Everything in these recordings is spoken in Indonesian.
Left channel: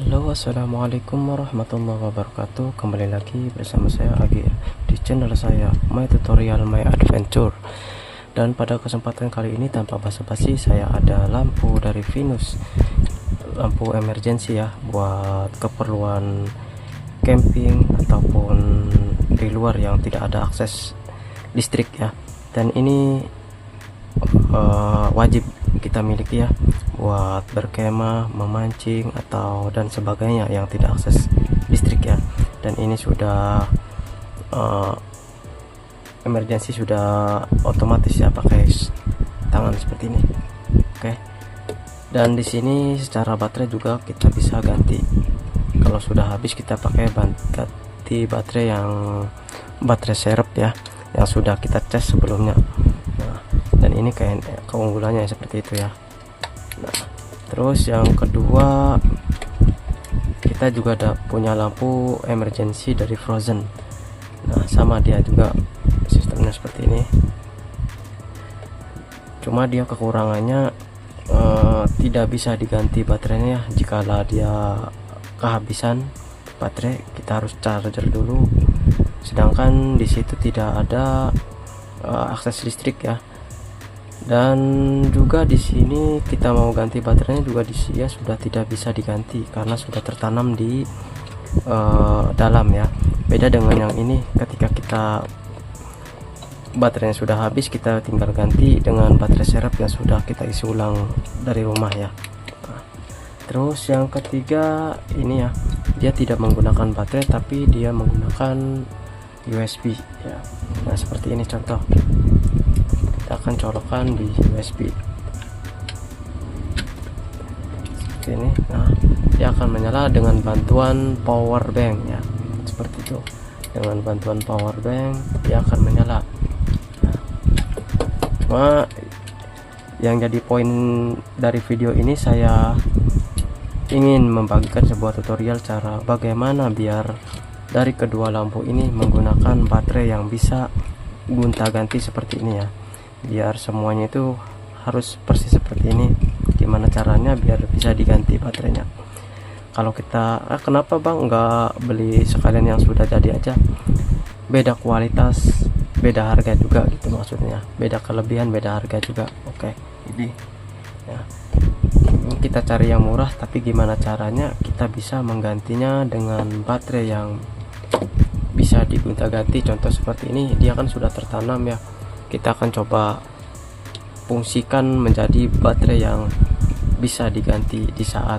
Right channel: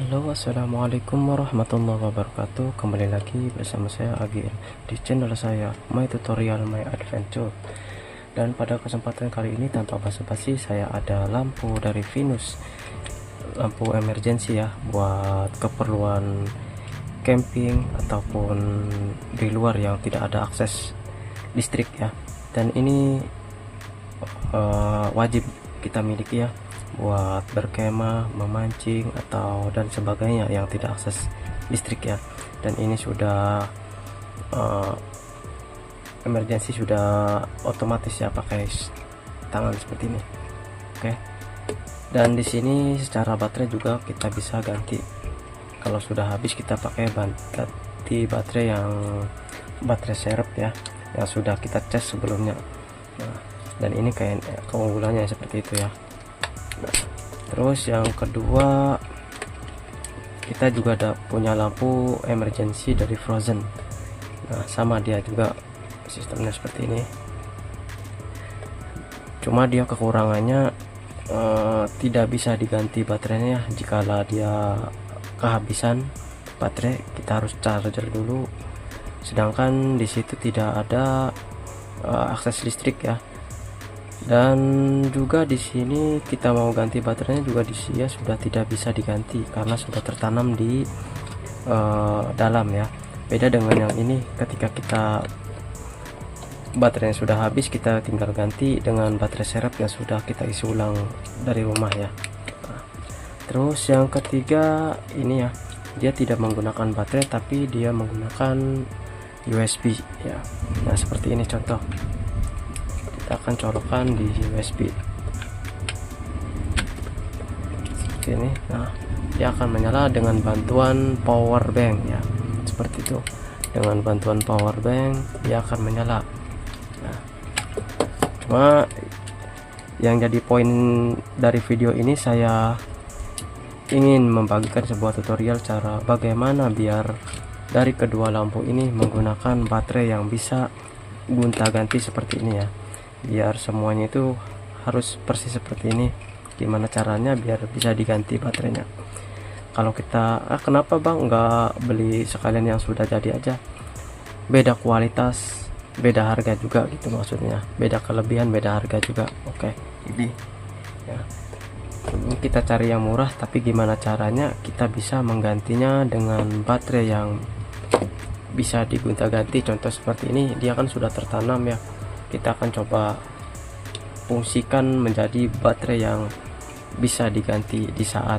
Halo, assalamualaikum warahmatullahi wabarakatuh. Kembali lagi bersama saya AGL di channel saya My Tutorial My Adventure. Dan pada kesempatan kali ini tanpa basa-basi, saya ada lampu dari Venus, lampu emergency ya, buat keperluan camping ataupun di luar yang tidak ada akses listrik ya. Dan ini wajib kita miliki ya, buat berkemah, memancing atau dan sebagainya yang tidak akses listrik ya. Dan ini sudah emergency, sudah otomatis ya, pakai tangan seperti ini. Oke. Dan di sini secara baterai juga kita bisa ganti. Kalau sudah habis kita pakai ganti baterai yang baterai serep ya, yang sudah kita cas sebelumnya. Nah, dan ini kayak keunggulannya seperti itu ya. Nah, terus yang kedua, kita juga ada punya lampu emergency dari Frozen. Nah, sama dia juga sistemnya seperti ini. Cuma dia kekurangannya tidak bisa diganti baterainya. Jikalau dia kehabisan baterai, kita harus charger dulu. Sedangkan di situ tidak ada akses listrik ya. Dan juga di sini kita mau ganti baterainya juga di sini ya, sudah tidak bisa diganti karena sudah tertanam di dalam ya. Beda dengan yang ini, ketika kita baterainya sudah habis, kita tinggal ganti dengan baterai serep yang sudah kita isi ulang dari rumah ya. Nah, terus yang ketiga ini ya, dia tidak menggunakan baterai tapi dia menggunakan USB ya. Nah, seperti ini contoh. Kita akan colokkan di USB seperti ini. Nah, dia akan menyala dengan bantuan power bank ya, seperti itu. Dengan bantuan power bank dia akan menyala. Nah, cuma yang jadi poin dari video ini, saya ingin membagikan sebuah tutorial cara bagaimana biar dari kedua lampu ini menggunakan baterai yang bisa gonta-ganti seperti ini ya. Biar semuanya itu harus persis seperti ini. Gimana caranya biar bisa diganti baterainya? Kalau kita kenapa bang nggak beli sekalian yang sudah jadi aja? Beda kualitas, beda harga juga gitu maksudnya. Beda kelebihan, beda harga juga. Oke, ini ya, kita cari yang murah, tapi gimana caranya kita bisa menggantinya dengan baterai yang bisa digonta-ganti. Contoh seperti ini, dia kan sudah tertanam ya. Kita akan coba fungsikan menjadi baterai yang bisa diganti di saat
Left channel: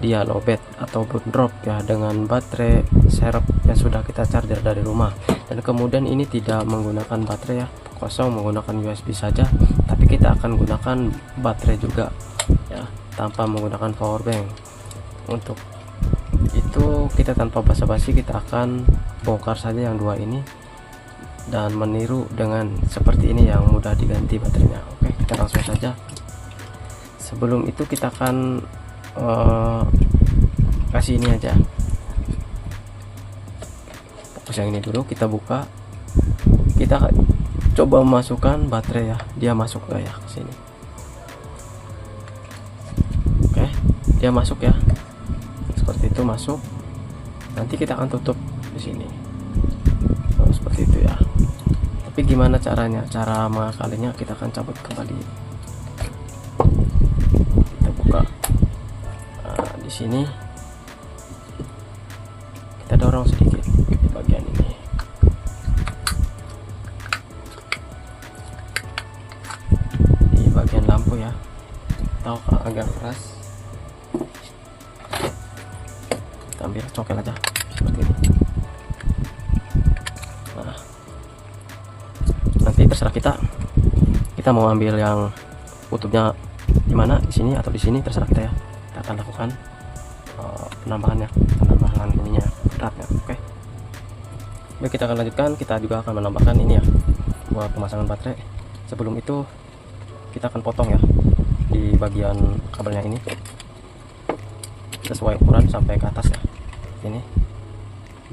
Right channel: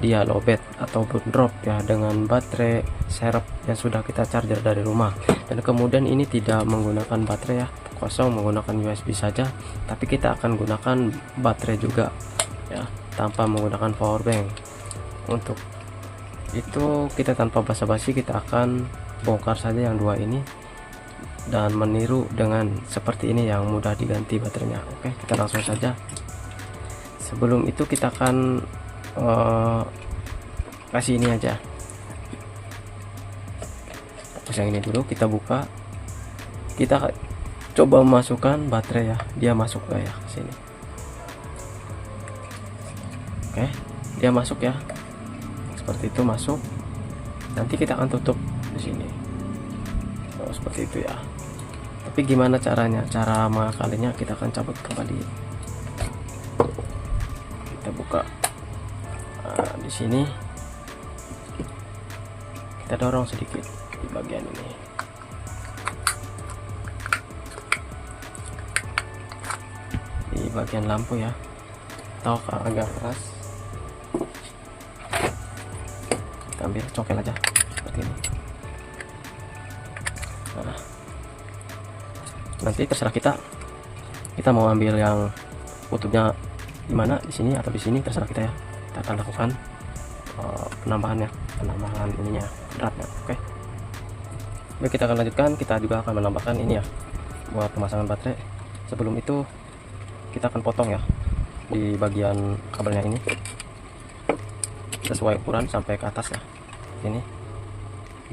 dia lowbat ataupun drop ya, dengan baterai serep yang sudah kita charger dari rumah. Dan kemudian ini tidak menggunakan baterai ya, kosong, menggunakan USB saja, tapi kita akan gunakan baterai juga ya, tanpa menggunakan power bank. Untuk itu kita tanpa basa-basi, kita akan bongkar saja yang dua ini dan meniru dengan seperti ini yang mudah diganti baterainya. Oke, kita langsung saja. Sebelum itu kita akan kasih ini aja, fokus yang ini dulu. Kita buka, kita coba masukkan baterai ya, dia masuk gak ya ke sini? Oke, dia masuk ya, seperti itu masuk. Nanti kita akan tutup di sini. Oh, seperti itu ya. Tapi gimana caranya? Cara mengakalinya, kita akan cabut kembali. Kita buka. Nah, di sini kita dorong sedikit di bagian ini. Di bagian lampu ya. Atau agak keras. Kita ambil cokel aja seperti ini. Nah, nanti terserah kita mau ambil yang kutubnya di mana, di sini atau di sini, terserah kita ya. Kita akan lakukan penambahan ininya, beratnya. Oke. Baik, kita akan lanjutkan. Kita juga akan menambahkan ini ya, buat pemasangan baterai. Sebelum itu kita akan potong ya di bagian kabelnya ini sesuai ukuran sampai ke atas ya. Ini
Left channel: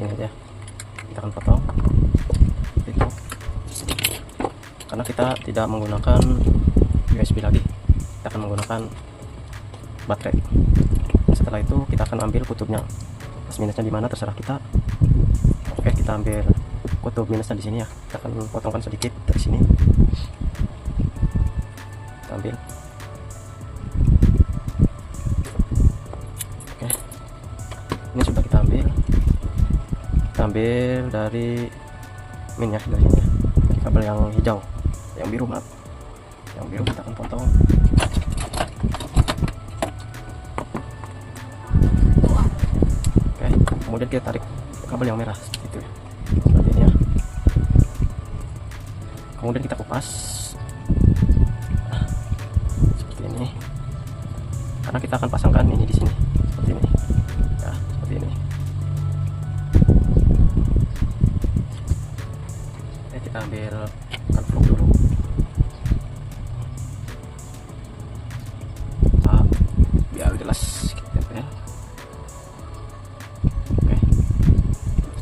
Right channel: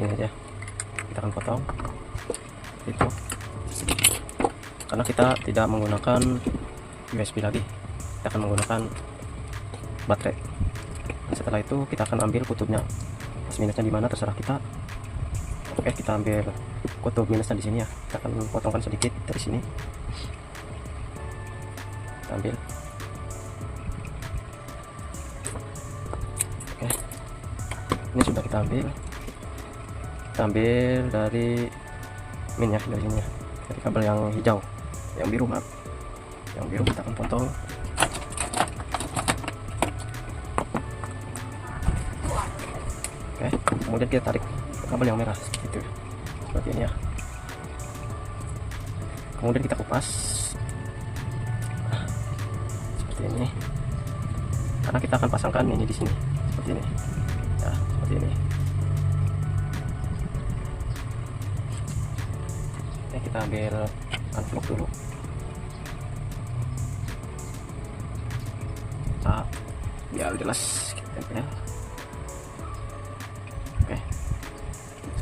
aja kita akan potong itu, karena kita tidak menggunakan USB lagi, kita akan menggunakan baterai setelah itu kita akan ambil kutubnya. Plus minusnya di mana terserah kita. Oke, kita ambil kutub minusnya di sini ya. Kita akan potongkan sedikit dari sini. Kita ambil. Oke, ini sudah kita ambil. Kita ambil dari min ya, dari sini ya, dari kabel yang hijau, yang biru maaf, yang biru kita akan potong. Oke, kemudian kita tarik kabel yang merah seperti itu ya, seperti ini ya. Kemudian kita kupas seperti ini, karena kita akan pasangkan ini di sini seperti ini ya, seperti ini. Oke, kita ambil unplug dulu. Biar jelas kita tempel. Oke,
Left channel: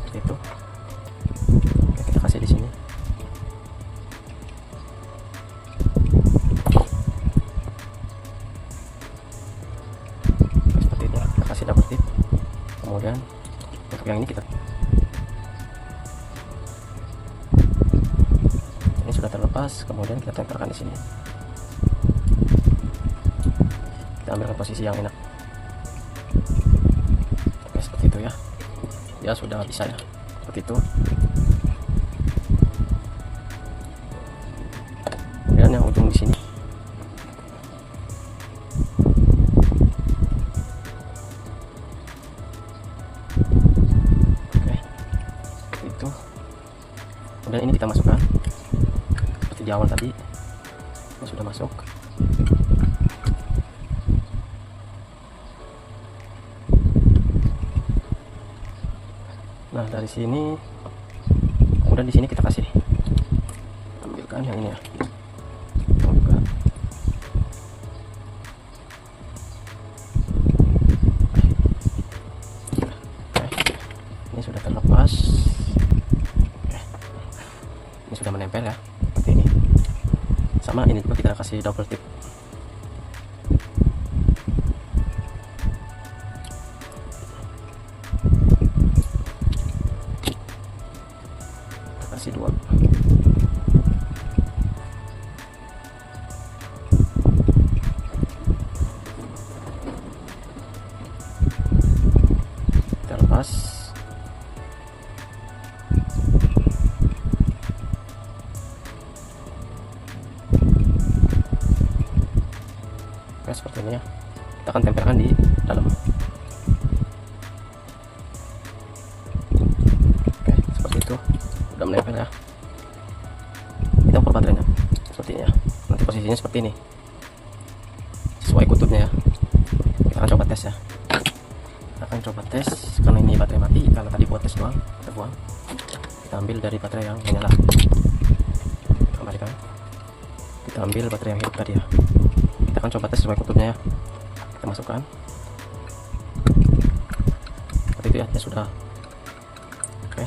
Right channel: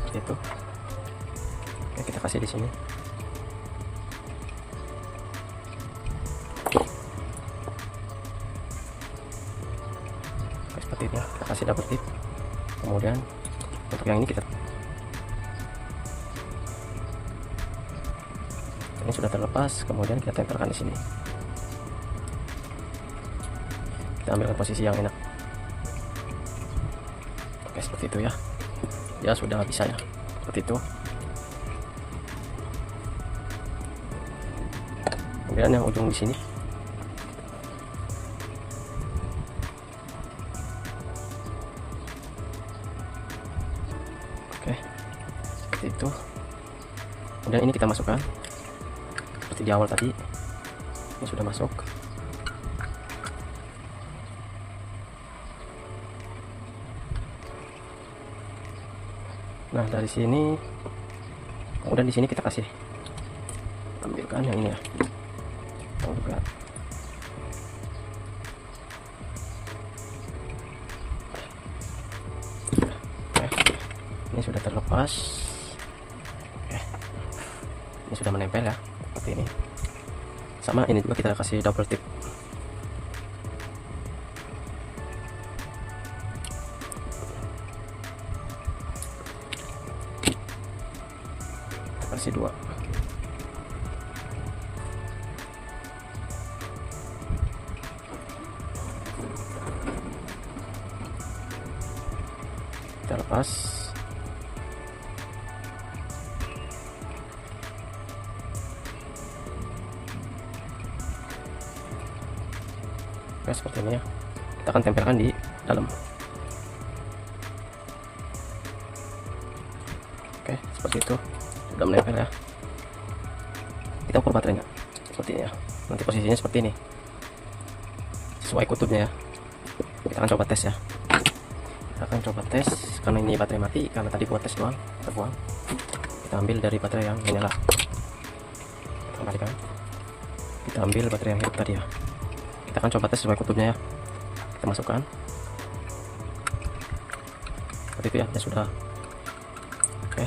seperti itu. Oke, kita kasih di sini. Oke, seperti ini ya. Kita kasih double tip. Kemudian untuk yang ini kita, ini sudah terlepas, kemudian kita tempelkan di sini. Kita ambilkan posisi yang enak. Oke, seperti itu ya. Ya sudah bisa ya, seperti itu. Kemudian yang ujung di sini. Oke, seperti itu. Kemudian ini kita masukkan seperti di awal tadi. Ini sudah masuk. Nah, dari sini, kemudian di sini kita kasih, ambilkan yang ini ya, buka. Oke, ini sudah terlepas. Oke, ini sudah menempel ya, seperti ini. Sama ini juga kita kasih double tip. Kasih dua. Kita lepas. Oke, seperti ini ya. Kita akan tempelkan di dalam. Oke, seperti itu. Sudah menempel ya. Kita ukur baterainya seperti ini ya. Nanti posisinya seperti ini, sesuai kutubnya ya. Kita akan coba tes ya. Kita akan coba tes karena ini baterai mati, karena tadi buat tes doang kita buang. Kita ambil dari baterai yang menyala, kita kembalikan. Kita ambil baterai yang hidup tadi ya. Kita akan coba tes sesuai kutubnya ya. Kita masukkan seperti itu ya. Ya sudah. Oke,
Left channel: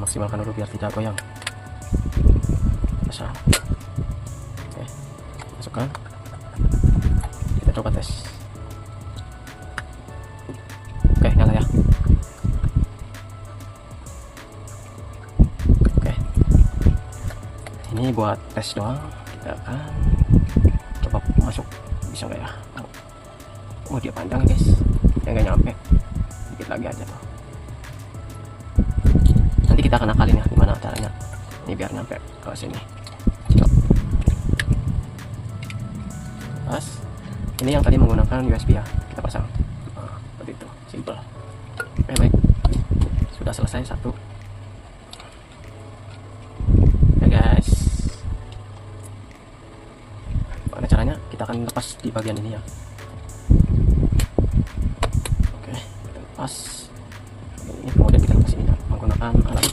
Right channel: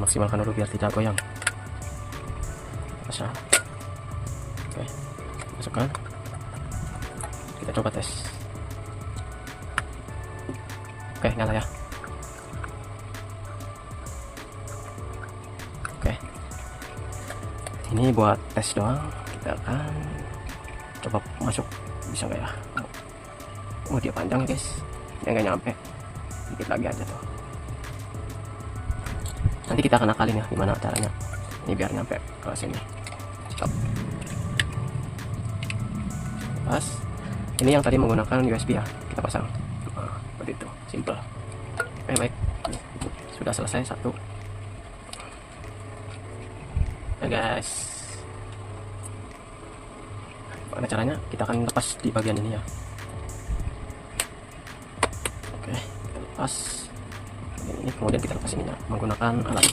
maksimalkan dulu biar tidak goyang. Pasang. Oke, masukkan. Kita coba tes. Oke, nyala ya. Oke, ini buat tes doang. Kita akan coba masuk, bisa nggak ya? Oh, dia panjang guys, yang nggak nyampe. Dikit lagi aja tuh. Nanti kita akan akalin ya gimana caranya ini biar nyampe ke sini. Pas ini yang tadi menggunakan USB ya, kita pasang. Nah, seperti itu, simple. Oke, baik, sudah selesai satu. Oke guys, bagaimana caranya? Kita akan lepas di bagian ini ya. Oke, kita lepas ini, kemudian kita lepas ininya menggunakan alat.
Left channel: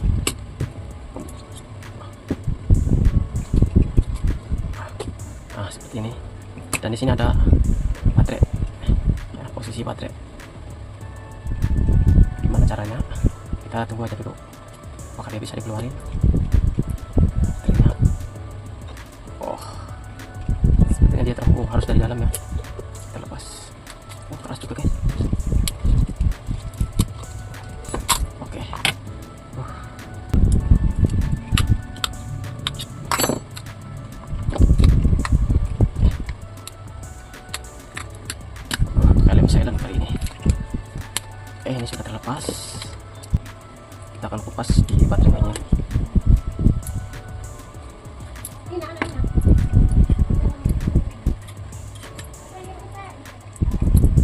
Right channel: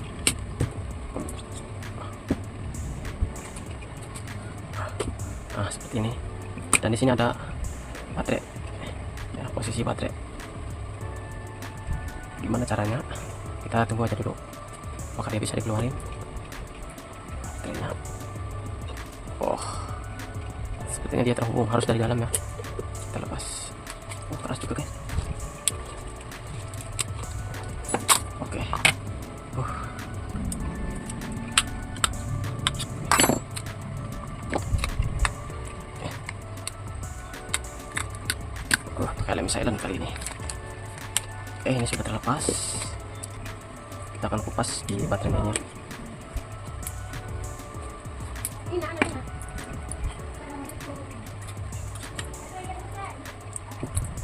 Nah, seperti ini. Dan di sini ada baterai ya, posisi baterai. Gimana caranya? Kita tunggu aja dulu apakah dia bisa dikeluarin baterainya. Oh, sepertinya dia terhubung, harus dari dalam ya. Kita Oh, keras juga guys. Oke. Pakai lem silent kali ini. Oke, ini sudah terlepas. Kita akan kupas di baterainya.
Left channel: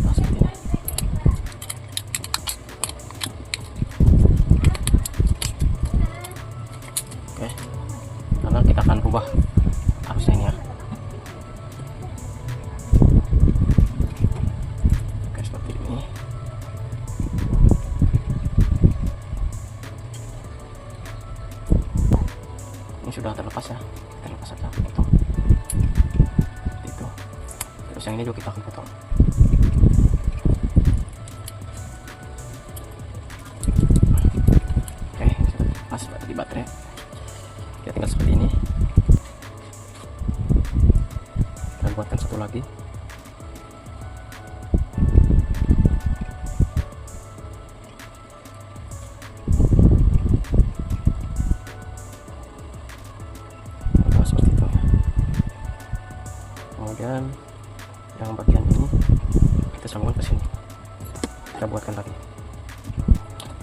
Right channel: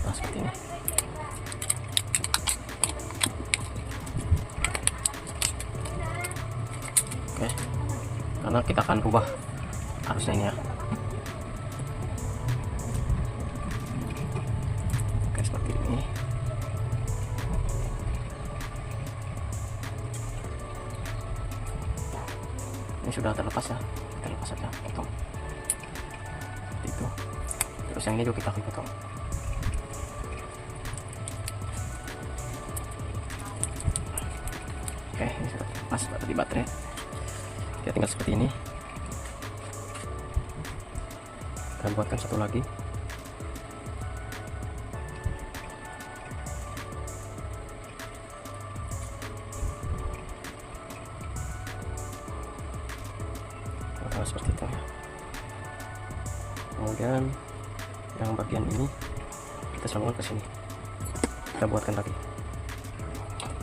Nah, seperti ini. Oke, karena kita akan rubah arusnya ini ya. Oke, seperti ini. Ini sudah terlepas ya, kita lepas saja, potong seperti itu. Terus yang ini juga kita akan potong. Oke, ini sudah terlepas di baterai. Kita tinggal seperti ini. Dan buatkan satu lagi. Seperti itu ya. Kemudian yang bagian ini kita sambungkan ke sini, kita buatkan lagi.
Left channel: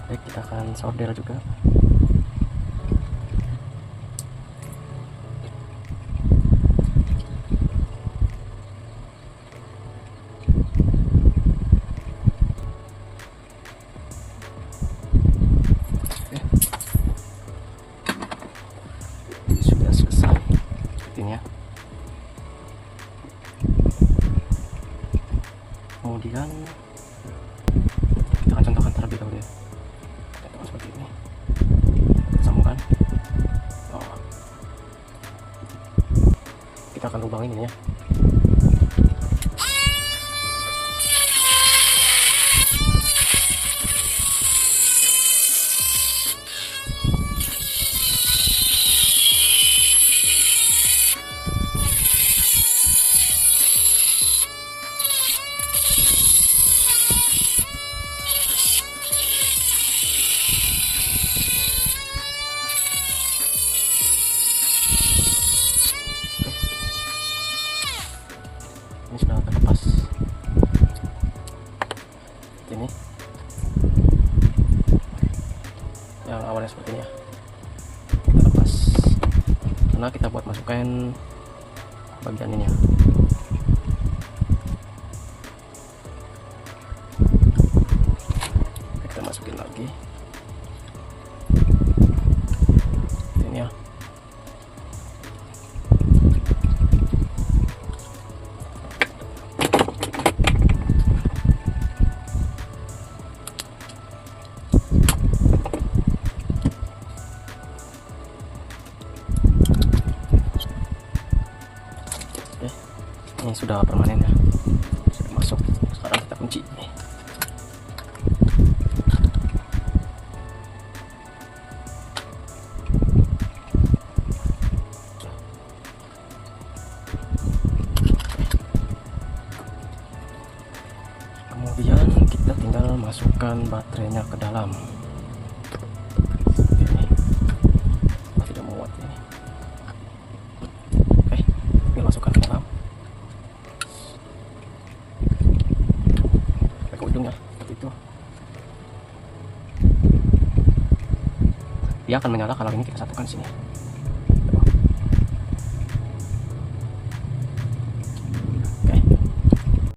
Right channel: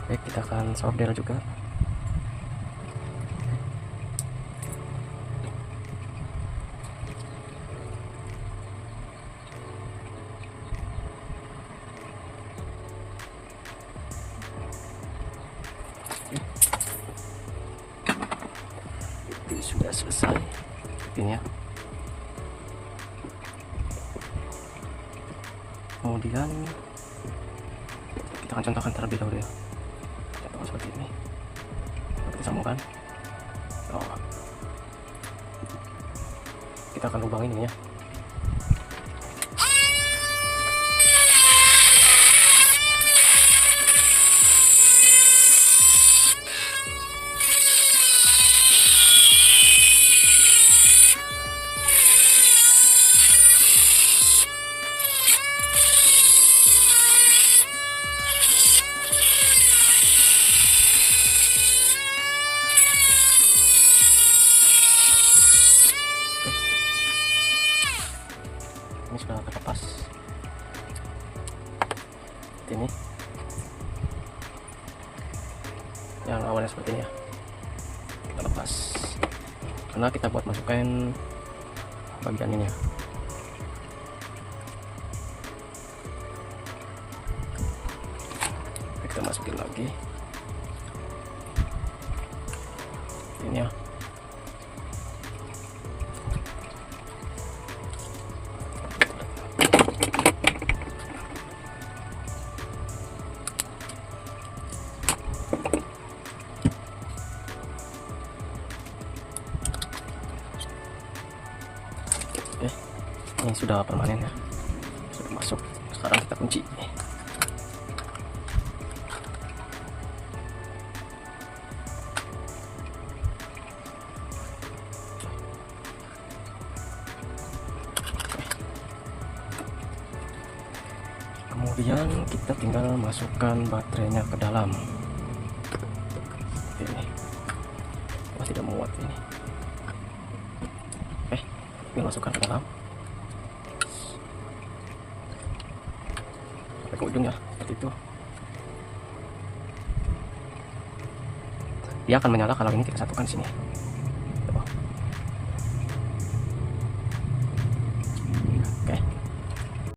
Baik, kita akan solder juga. Ini sudah selesai ini ya. Kemudian kita akan contohkan terlebih dahulu ya. Contohkan seperti ini. Kita sambungkan. Oh. Kita akan lubangin ini ya. Ini sudah terlepas. Ini yang awalnya seperti ini ya, kita lepas karena kita buat masukkan bagian ini ya. Kita masukin lagi ini ya. Ini sudah permanen ya, sudah masuk. Sekarang kita kunci. Kemudian kita tinggal masukkan baterainya ke dalam. Ini masih tidak muat ini. Ini masukkan ke dalam. Ke ujungnya seperti itu. Dia akan menyala kalau ini kita satukan sini.